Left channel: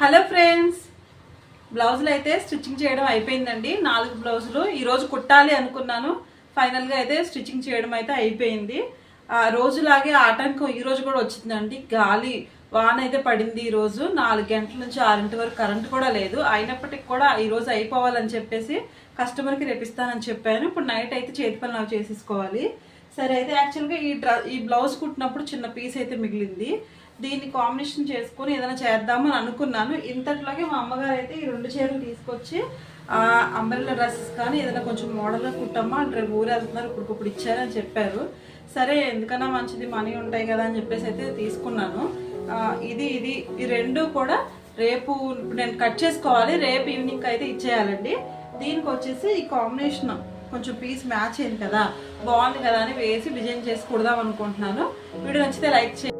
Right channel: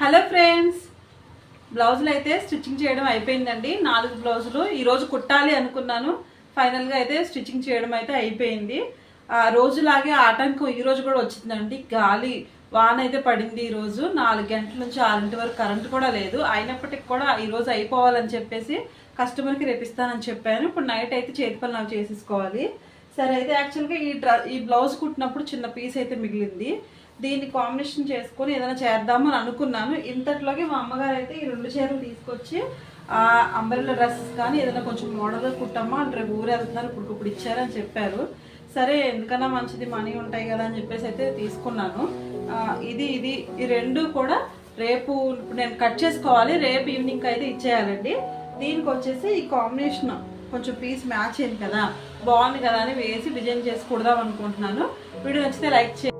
Hello friends, బ్లౌజులు అయితే stitching చేయడం అయిపోయిందండి. 4 బ్లౌజులు ఈరోజు కుట్టాలి అనుకున్నాను. ఫైనల్గా అయితే స్టిచ్చింగ్ చేయడం అయితే అయిపోయింది. రోజులాగే ఆటంకం ఈరోజు కూడా వచ్చిందండి. గాలి వాన అయితే పడింది. ఈరోజు 4 గంటల నుంచి 6 వరకు కరెంట్ కూడా లేదు. అయినప్పటికీ కూడా ఈరోజు అయిపోవాలని చెప్పేసి కస్టమర్కి రేపిస్తానని చెప్పాను. ఇప్పుడు నైట్ అయితే చేతి పని నాకు చేసేసుకోవాలి. సరే అయితే యాక్చువల్గా ఈ బ్లౌజ్ కుట్టినప్పుడు చిన్న పీస్ అయితే మిగిలింది. దీన్ని కాంబినేషన్ చేసుకొని ఏదైనా చేద్దామని అనుకున్నాను. ఇంతట్లోకి మా అమ్మగారు అయితే ఈ 2 చీరలు తీసుకొచ్చి అంబ్రెల్లా డ్రెస్సెస్ కానీ ఏదైనా కొంచెం మోడల్గా కుట్టమ్మా అంటే రేపు ఊరు వెళ్తున్నారు, ఇప్పుడు ఇచ్చారని చెప్పారు. సరే ఎందుకన్నా మంచిది, మనీ ఉంటాయి కదా అని చెప్పేసి అయితే తీసుకున్నాను. ఈ 2 కూడా రేపు ఇప్పుడు నేను కట్ చేసుకోవాలి. రేపు ఈవినింగ్ అయితే ఇచ్చేయాలండి. దీనికి వచ్చేసి ఈ కాంబినేషన్ కొంచెం పీస్ మ్యాచ్ అయింది కదా, బాగుంది కదా అని వేసి డిజైన్ చేసి కుడదాం అనుకుంటున్నాను. వీడియో నచ్చితే లైక్ చేయండి.